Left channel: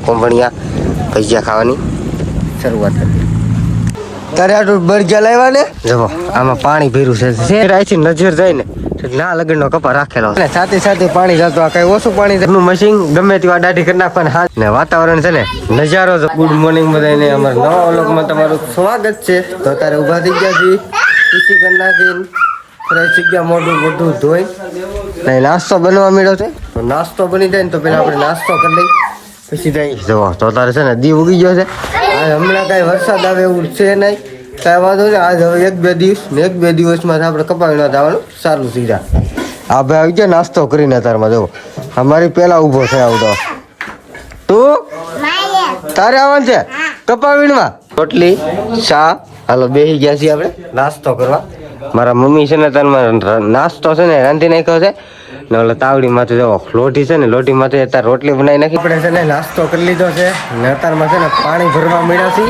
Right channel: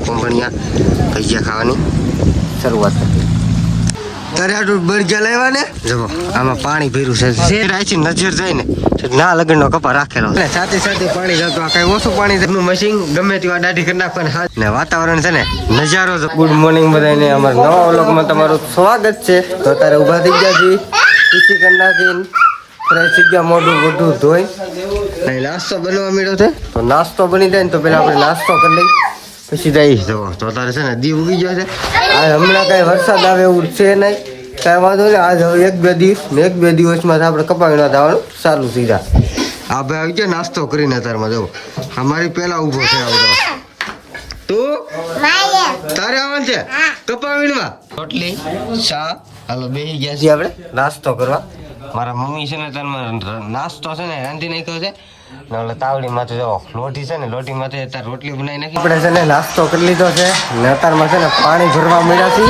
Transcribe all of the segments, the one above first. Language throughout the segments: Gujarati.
કોંભણિયા ભજીયા ખાવાની શરૂઆત કરી. તારે આટલું બળજા લાવ્યા ને જો આમાં પાણી ભર્યું છે રાયથી નજર જાય ને ના લગનનો કપા રાખેલો છે સાથે સાથે પાણી જતો આ કઈ ઓછું પાણી નું મશીન ગમે તેવા દાઢી કરી નાખવાનું હાથ ને વાતાવરણ છે ને નજારો. ગુડ મોર્નિંગ બધાને અમારા નવા વ્લોગમાં તમારું સ્વાગત છે. તો અત્યારે ઊભા થઈ ગયા છીએ ખુશી કરી નાખીને ફ્રેશ થઈ ગયા મોઢું મોઢું ધોઈ ને નાસ્તો બનવા માંડ્યો છે. તો નાસ્તો બની જાય ને તો પેલા આપણે નાસ્તો કરી લઈ પછી જઈશ જોવા. તો તારે છે ને દી ઉગી ગયો છે. આ હમણાં કાંઈ વરસાદ આવે એવું છે નહીં કાંઈ વાંધો નહીં. આજ હવે એક બે દિવસમાં આપણે કપાવી ના થવાનું સારું સીધા. આ ભાઈ આવી ગયા નાસ્તો કરીને તારમાં જવો અમારી પેલા ઊભો છે આવતો. તું તારે આવવાનું છે કપાવીણમાં રોટલી ચા. હાલો બેસી ગયા છીએ આપણે નાસ્તો કરવા. મારા મમ્મી છે ને તારમાં નાસ્તો છે ને રાંધી નાખ્યો છે ને ઓલા તાવડી માંથી જવો લોટી છે ને લોટી માંથી અત્યારે રોટલી બનાવી નાખી. આપણે છે ને નાસ્તો કરી લીધો છે ને અત્યારમાં છે ને પાણી ભરવા મળ્યા છે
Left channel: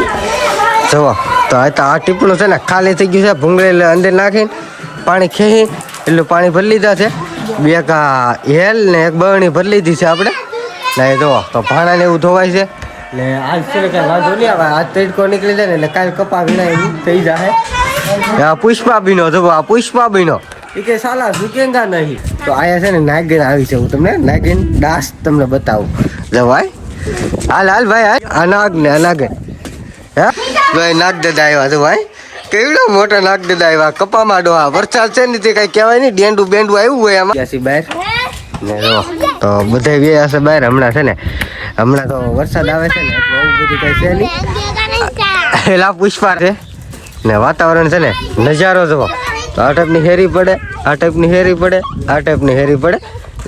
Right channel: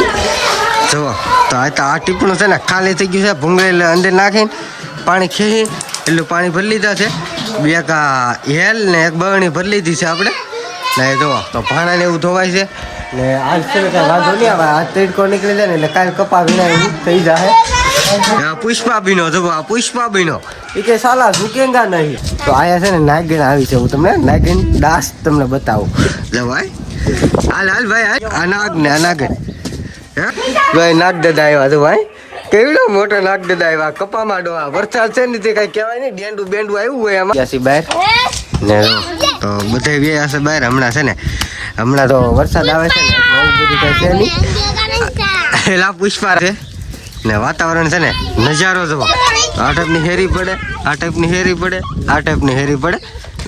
જવો. તો આ ટીપણું છે ને ખાલી થઈ ગયું છે ભૂંગળી અંદર નાખીને પાણી ખેંચી એટલું પાણી ભરી લીધા છે. બે કા હેલ ને એક બરણી ભરી લીધી છે આપણે ને જુઓ. તો ભાણા ને એવું ધોવાય છે ને આજ છે ને કાંઈ વાંધો નહીં આવે. આજ તડકો નીકળી જાય ને એટલે કાલે કપા વીણા એવું થઈ જાય. આ પુષ્પાબીનો જવો આ પુષ્પાબીનો એ કે સાલા ઝુકેંગા નહીં. તો આયા છે ને નાગીણ આવી છે. હું તમને નાગીણ દાસ તમને બતાવું જવાય. હાલ ભાઈ આ નાગ ને આ નાગીણ હા ભાઈ નાગ દાદા આવ્યા છે ભાઈ. કેવડો મોટો નાગ દાદા આવ્યા કપામાં ડોહા. વરસાદ છે ને તે કઈ કહેવાય નહીં ડેંડું બેંડું આવ્યું હોય એમાં બહાર ને જો. તો બધા બે હશે બહાર હમણાં છે ને હમણાં તો વરસાદ આવે છે ને એટલે એવું બધું કઈ છે નહીં. એલા પુષ્પા છે ને વાતાવરણ છે ને નજારો જવો. તો આ ટાઈપની હેરી પડે આ ટાઈપની હેરી પડે આ ટાઈપની હેરી પડે.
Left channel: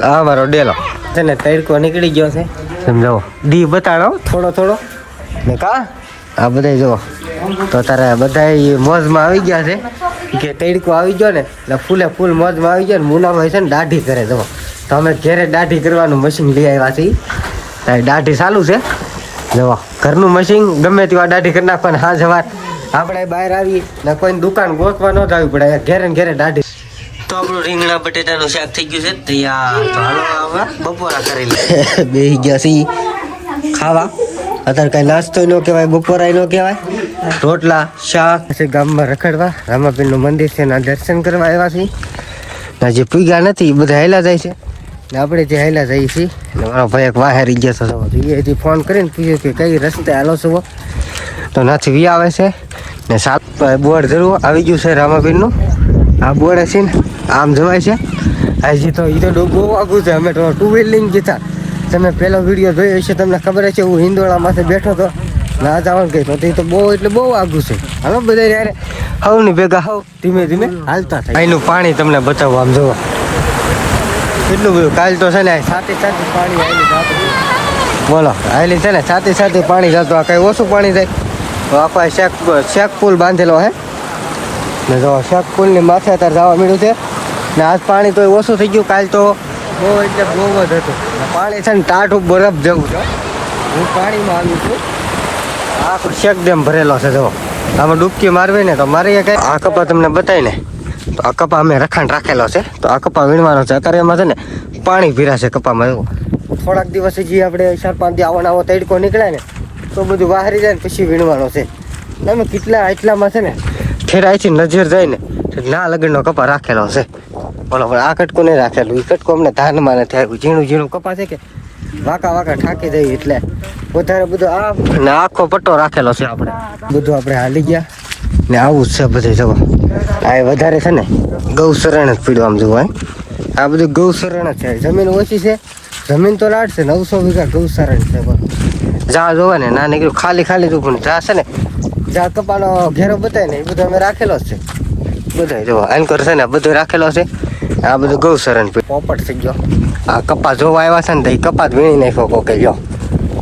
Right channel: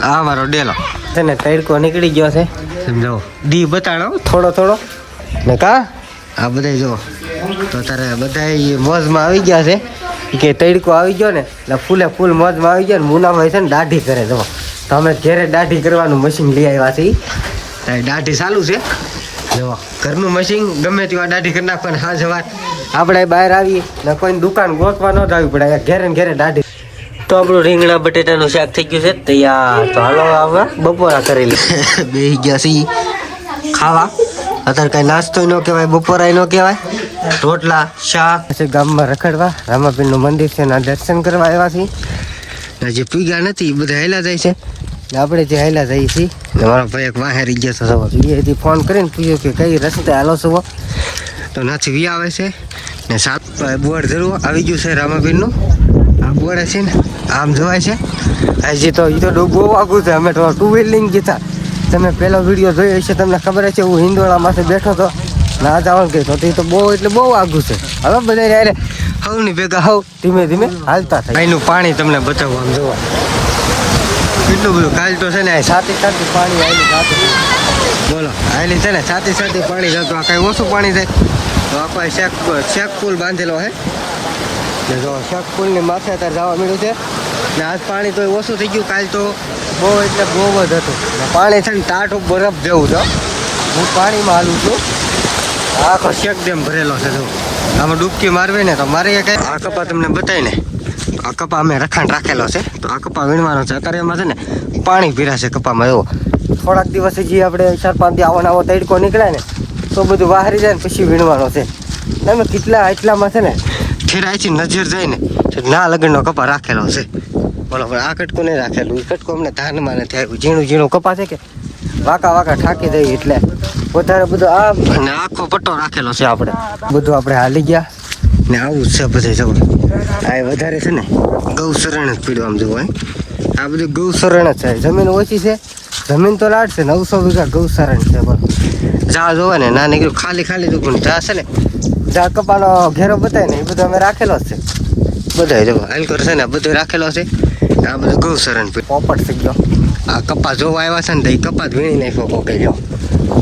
આ મારો ડેલો છે ને તડકો નીકળી ગયો છે સમજાવો. દી બતાડો થોડો ને કા આ બધા જુઓ. તો તારે બધા મોજમાં આવી ગયા છે કે તડકો આવી ગયો ને એટલે ફૂલ મોજમાં આવી ગયો ને મુનાભાઈ છે ને દાઢી કરે જુઓ. તો અમે ઘેરે દાઢી કરવાનું મશીન લઈ આવ્યા છીએ. દાઢી ચાલુ છે જુઓ. ઘરનું મશીન ગમે તેવા દાઢી કરી નાખવાની હા જવાર આપણે બહાર આવીએ ને કોઈને દુકાન ગોતવા ન જવી પડે ઘેરે દાઢી. તો આપણું રીંગણા બટેટાનું શાક થઈ ગયું છે તૈયાર. તો હાલો આવવા બપોરા કરી લે બેસી ગયા છીએ ખાવા. અત્યારે કાંઈ નાસ્તો ન કહેવાય બપોરાય ન કહેવાય. રોટલા શાક ગામમાં રખડવા રામાપીરનું મંદિર છે એના દર્શન કરવા આવ્યા છીએ. જે પીગા નથી એ બધા હાલ્યા જાય છે ને આપણે જે હાલ્યા જઈએ છીએ. ને મારો ભાઈ એક વાહેરી ગયો હતો એથી ફોન કરીને પૂછ્યું કે કઈ રસ્તે હાલો છો. તો નાથી વી આવે છે ને સાત બોર્ડ જરૂર આવી ગયું છે રામાપીરનું. આ બોર્ડ છે ને આમ જવાય છે. હજી તો એ તો બહુ આગું છે. અમે તો ટુ વ્હીલિંગ ગયા તમે પહેલો વિડીયો જોયો હશે તમને ખબર છે. હું હિંદોળામાંથી બેઠો હતો ના જવાનું કહી તો એ તો બહુ એટલે બહુ આગું છે. હવે બધા હવ ની ભેગા હવ ધીમે હાલતા થાય. અહીંનું પાણી તમને બતાવું આમ જવું એટલું બધું. કાલ તો છે ને સાથે પાણી આવેલી જાતું બોલો આવેલી છે ને સાથે પાણી જતું. આ કઈ ઓછું પાણી જાય તો આપણે શેક પુલ બાંધેલો હે ને જો શેક પુલની માથે અત્યારે જવા મળ્યું છે ને આજ પાણી તો ઓછું થઈ ગયું. કાલ તો બહુ એટલે બહુ જ હતું પાણી છે ને ટાઢું બરફ જેવું છે. હું પાણીમાં હાલું છું. આખો શેક ડેમ ભરેલો છે જો. આમાં ડૂબકી મારવી ને તો મારી કઈ આ કપા તમને બતાવીને તો આ કપા અમે રખાણ રાખેલો છે. તો આ કપા વીણવાનો છે. અત્યારે એમાં છે ને પાણી પીરાશે કપામાં એવું. થોડાક દિવસ હજી આપણે 4-5 દી આવો તડકો નીકળે ને તો બધું વાહરી જાય ને પછી વીણવાનો છે. અમે એટલામાં છે ને ઠેરાઈથી નજર જાય ને ના લગનનો કપા રાખેલો છે. બોલો આ કટકો નહીં રાખેલું. એ કટકો અમને ધાનમાં નથી આવ્યું. ઝીણું કપા છે કે વાકા ઠાકી દઈએ એટલે વધારે બધું આ અને આખો પટ્ટો રાખેલો છે. આપણે બધું આપણે હાલી ગયા ને આવું જ છે બધે જવા. આ વધારે છે ને ગૌશરણ જ પીડવા આમ જોવા. આ બધું ગૌશરણ જ છે. જમીન ઓછી છે જમીન તો લાડ છે 900 વીઘા ગૌશરણ છે. બસ જા જોવા ને ના નીકળ્યું ખાલી તો પણ જા છે ને જા કપાનો ઘેરો બતાય ને એ બધું અમે રાખેલો જ છે. બધા જોવા આનકોર છે ને બધું રાખેલો છે. આ બધું ગૌશરણ પોપટ થઈ ગયો. આ કપા જોવા આવ્યા છે ને તો એ કપા વીણી નાખ્યો કોકે જો.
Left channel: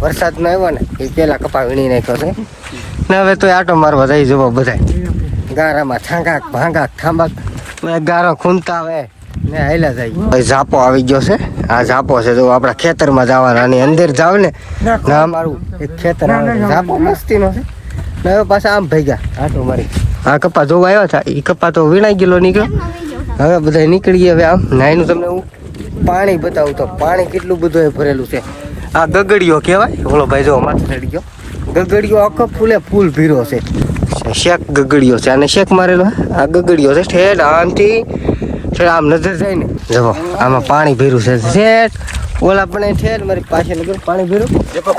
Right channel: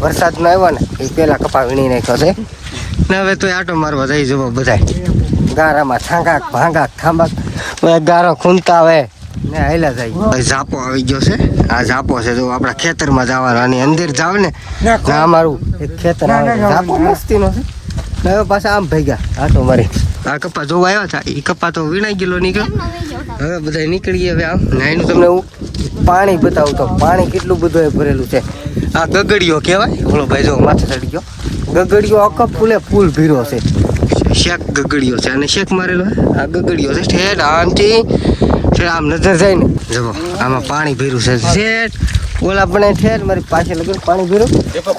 વરસાદ નો આવ્યો ને એ પેલા કપા વીણી નાખ્યો છે ને હવે તો આટો મારવા જઈ જવો બધા ગારામાં છાંગાક ભાંગાક થાંબાક ગારો ખૂંદતા આવે ને હાલ્યા જાય. ઝાપો આવી ગયો છે. આ ઝાપો છે જો આપણા ખેતરમાં જવાનો અને અંદર જાવ ને ના અમારું એક ખેતર આવે ઝાપો મસ્તીનો છે ને હવે પાછા આમ ભેગા આટો મારી. આ કપા જોવા આવ્યા હતા એ કપા તો વીણાઈ ગયેલો નીકળ્યો. હવે બધા નીકળી ગયા હવે આમ નાઈનું તમને હું પાણી બતાવું તો પાણી કેટલું બધું ભરેલું છે. આ ગગડીયો કહેવાય. ઓલો ભાઈ જો માથે ચડી ગયો. ગગડીયો આખો ફૂલે ફૂલ ભીરો છે. શેક ગગડીયો છે અને શેક મારેલો. આ ગગડીયો છે ઠેઠ આમથી આમ નજર જાય ને જવો આમાં પાણી ભીરું છે ઠેઠ ઓલા પણ ઠેઠ મારી પાસે લગન પાણી ભીરું.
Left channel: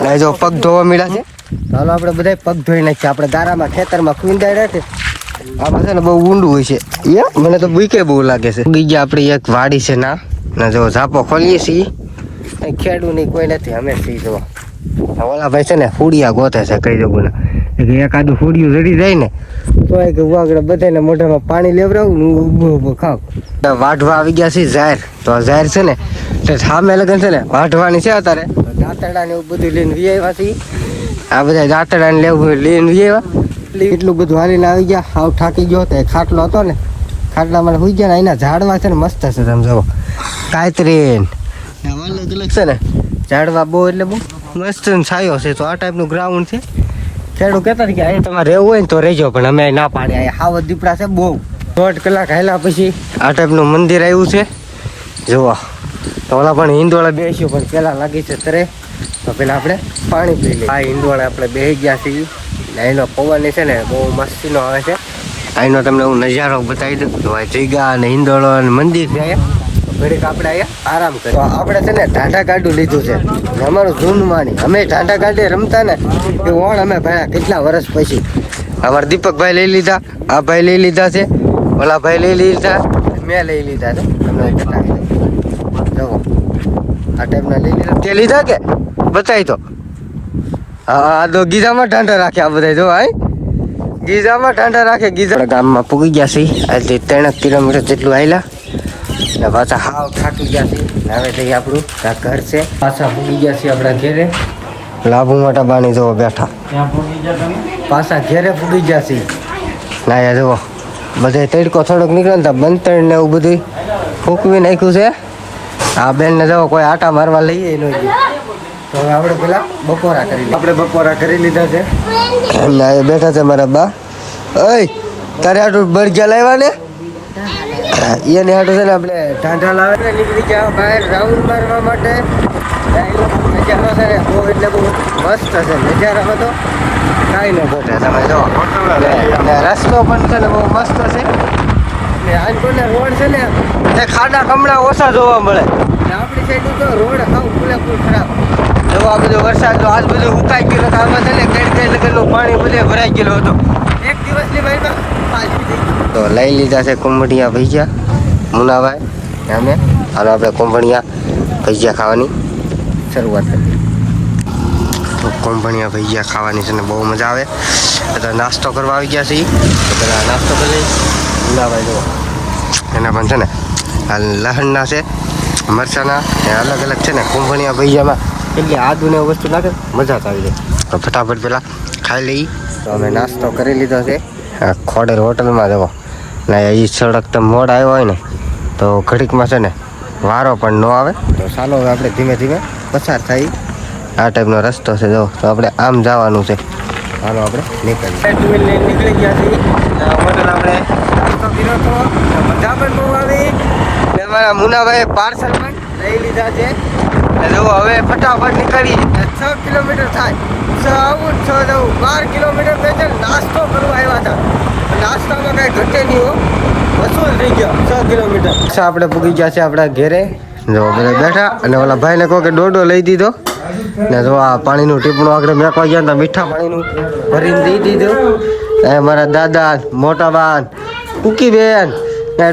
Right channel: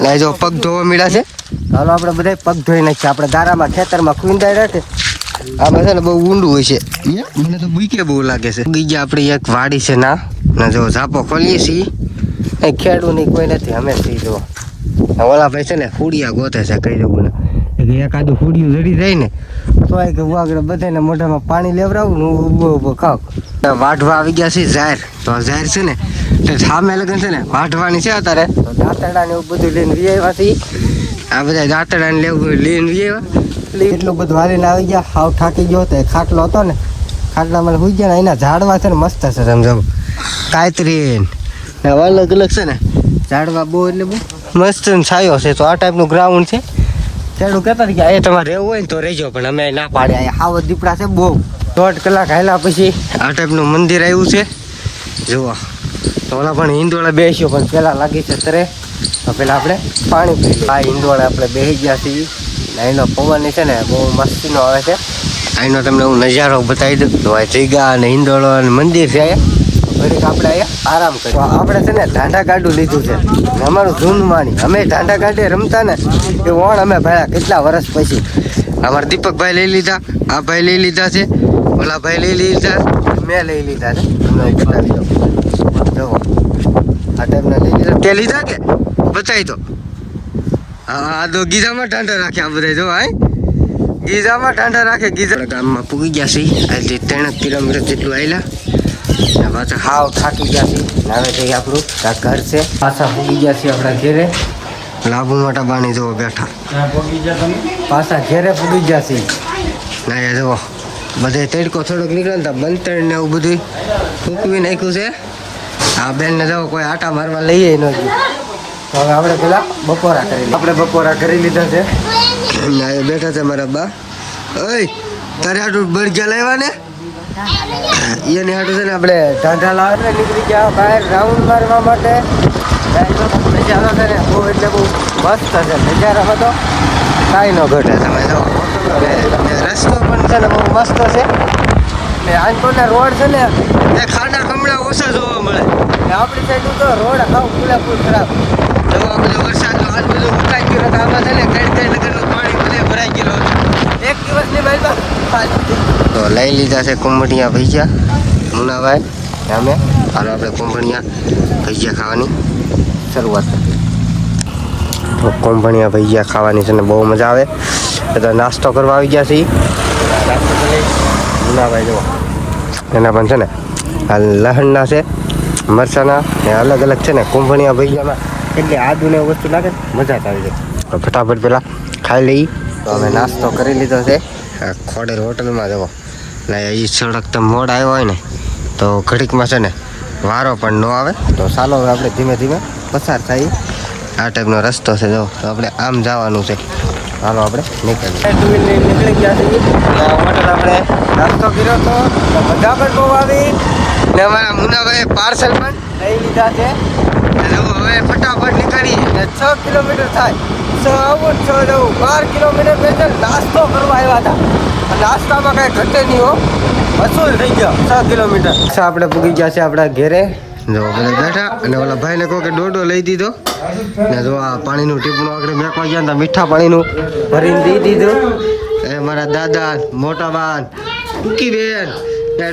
ના જો પગ ધોવા મળ્યા છે. ચાલો આપણે બધા પગ ધોઈ નાખીએ. આપણે ગારામાં ખેતરમાં ખૂંદાઈ રાખે આમાં છે ને બહુ ઊંડું હોય છે. મને તો બીકે બહુ લાગે છે. બીજા આપણી એક વાડી છે ના જો ઝાપો ખોલીએ છીએ એ ખેડું નહીં કોઈ નથી અમે સી જો ઓલા ભાઈ છે ને ફૂડિયા ગોતે છે કઈ જવું ને એકાદું ફૂડિયું જડી જાય ને તો કે આગળ બધાને મોઢામાં પાણી લેવડાવું ને ઊભો ઊભો ખાવ. વાઢવા આવી ગયા છે જાહેર તો જાહેર છે ને એટલે સામે લગન છે ને વાઢવાની છે અત્યારે દાંતડા ને એવું બધું લઈને વી આવ્યા છે. આ બધા દાંતડા ને લેવું લઈને વી આવ્યા એટલે એટલું બધું હાલીને આવી ગયા. હાવ થાકી ગયો હતો ખાટલો હતો ને ખાટલામાં સુઈ ગયા ને એના ઝાડવા છે ને મસ્ત છે તમે જવો કાયતરીન અલગ અલગ છે ને ઝાડવા બહુ એટલે બહુ મસ્ત છાયો છે. તો આ ટાઈપનું ગ્રાઉન્ડ છે. ખેડૂત કહેતા કે એ તમારે રહેવું હોય ને તો રહેજો પણ અમે ના પાડ્યા. અહીંયા હાવત દીપડા છે બહુ. 1.5 કલાક હાલ્યા પછી આ ટાઈપનું મંદિર આવ્યું છે જુઓ. તો ઓલા પણ હિંદોળા બેસ્યો પણ પહેલાં લાગી છે તરે તો પહેલાં આપણે પાણી પી લઈએ. આ હિંદોળા આપણે બેસી ગયા છીએ. અહીંનો પવન છે ને બહુ મસ્તીનો આવે છે. અહીંનો તમને હું નજારો બતાવી દઉં તો આ જગ્યા અને હિંદોળો અને મંદિર છે અહીંયા. ઘડીક આપણે અહીંયા આરામ કરીએ. આપણે છે ને ઢાંઢા ગાડું લીધું છે અમારું જૂનું માની. અમે ઢાંઢા ગાડે રમતા ને એ ઓણ અમે ભાઈ કેટલા વર્ષ પછી અમારા દીપકભાઈ લઈ લીધા, આ ભાઈ લઈ લીધા છે, ઓલા ભાઈ લઈ લીધા, મેં લઈ લીધા છે. તમને હું બતાવી દઉં જુઓ આ ટાઈપના લઈ લીધા. તે લીધા કે બતાવી દો. હા તો ગીઝામાં ઢાંઢા રાખે આ બધા જો હાઈ ગીઝામાં ઢાંઢા રાખે. ગીઝા ગામમાં પૂગી ગયા છે. આજે 3 કિલોમીટર જેટલું આવેલા ને પાછા હાવ થાકી ગયા છે. હવે જઈએ આપણું આ ઘર છે. પાછા પૂગી ગયા છીએ આપણા ઘેરે. લાભુ મોટા બાણી જુઓ બેઠા પાછા ઘેરે પૂગી ગયા છે. ના યા જુઓ બધે તડકો થોડોક નીકળે ને બંતર ને એવું બધું ફૂંકવી નાખ્યું છે. આ બેનને જુઓ કોઈ આટા મારવા લઈએ ન ગયું. તો હવે આપણે પેલા બપોરા કરી આપણે બપોરા કરી લીધા છે. ના એ બેઠા છે મારા બા. ઓય તારે આટલું બળગ્યા લાવ્યા ને એને હાટું છે ને આપણે ઢાંઢા લાવે નીકળી ગયા બહાર રાઉન્ડ મારવા માટે. નજારો છે ને બહુ એટલે બહુ મસ્ત છે. નજારામાં તો કાંઈ ન ઘટે. તમે જો રસ્તો પણ છે ને બહુ મસ્ત છે. આનકોટના રોડ છે ને એ ખાડા ખમણા ઓછા જોવા મળે. આપણી સાઈડ તો રોડ આવ પૂરેપૂર ખરાબ. જો આ બધો વરસાદ જો આજ બધું ઉકાઈ ગયો તો આમાં છે ને કઈ લગનનું પાણી બધે ભરાઈ ગયેલું હતું. એક દિવસની ભાઈ તો લઈ લીધા છે કુંભણિયા ભજીયા મુનાભાઈ અમે. હાલો આપણે કુંભણિયા ભજીયા ખાવાની શરૂઆત કરી. તો કુંભણિયા ભજીયા ખાવાની છે ને બહુ મજા આવે. તો નાસ્તો કરવા આવી ગયા છીએ. પેલા નાસ્તો કરી લઈ. મુનાભાઈ જુઓ એના પણ છે ને આ લહણના છે મરચાના ને અલગ અલગ છે ને કુંભણિયા ભજીયામાં એટલે આદુ ને વસ્તુ નાખે મજા જ આવી જાય. તો ફટાફટ પેલા ખાઈ લઈ. તો અમે નાસ્તો કરી લીધો છે આ ખોડર હોટલમાં જવો ને એ સડક તો મોડ આવ્યો હોય ને તો ઘડીકમાં છે ને વારો પણ ન આવે. તો ચાલો હવે આપણે ધીમે ધીમે પસાર થાય. આ ટાઈપનો રસ્તો છે જો તો આપણે આમ જવાનું છે. ચાલો આપણે નીકળીએ. 2 વ્હીલ લઈને નીકળી ગયા છીએ. હોટલ આપણે નાસ્તો કર્યો હતો મજા પણ બહુ આવી ને અમારા મુનાભાઈ પાર્સલ પણ લઈ લીધા છે. જો હવે ફટાફટ નીકળી 6 કિલોમીટર થાય. 6 આવું 6 જવું 12 કિલોમીટર પેદલ નાસ્તો કરવા આવ્યા હતા. નાસ્તામાં કાંઈ ઘટે નહીં હો વસૂલ થઈ ગયો 6 કિલોમીટર. આપણે પૂગી ગયા છે આપણા ઘેરે. જો બધા બેઠા અને ઓલા ભાઈને કહો કે ડોડો લઈ દીધો ને જો આ પાણીનું ટીપણું આગળ મેકવા ગયા હતા મીઠા પાણીનું ભરીને દઈ દીધું. મારા દાદા મોટા બાન ટૂંકી બેન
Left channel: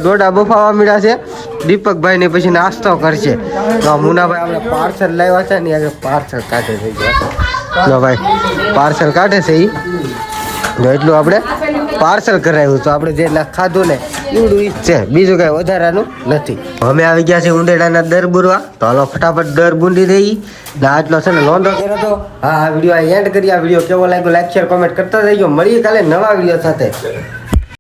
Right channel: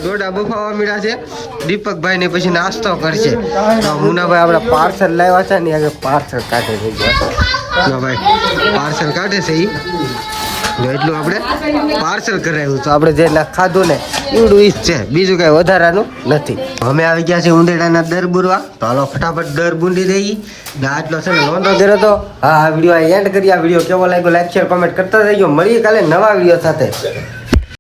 ડોડા બફાવા મળ્યા છે. દીપકભાઈ ને પછી નાસ્તો કરશે. તો મુનાભાઈ આપણે પાર્સલ લાવ્યા છે ને આગળ પાર્સલ કાઢે થઈ ગયા. જો ભાઈ પાર્સલ કાઢે છે એ જો એટલું આપણે પાર્સલ કરાવ્યું. તો આપણે જે ખાધું ને એવડું ઈ જ છે બીજું કાંઈ વધારાનું નથી. અમે આવી ગયા છે ઉંડેડાના દર બુરવા. તો હાલો ફટાફટ દર બુંડી રહી ને આટલો છે ને લોંધો કર્યો તો. હા આ વિડીયો એન્ડ કરી. આ વિડીયો કેવો લાગ્યો લાઈક શેર કોમેન્ટ કરતા રહીજો. મળીએ કાલે નવા વિડીયો સાથે.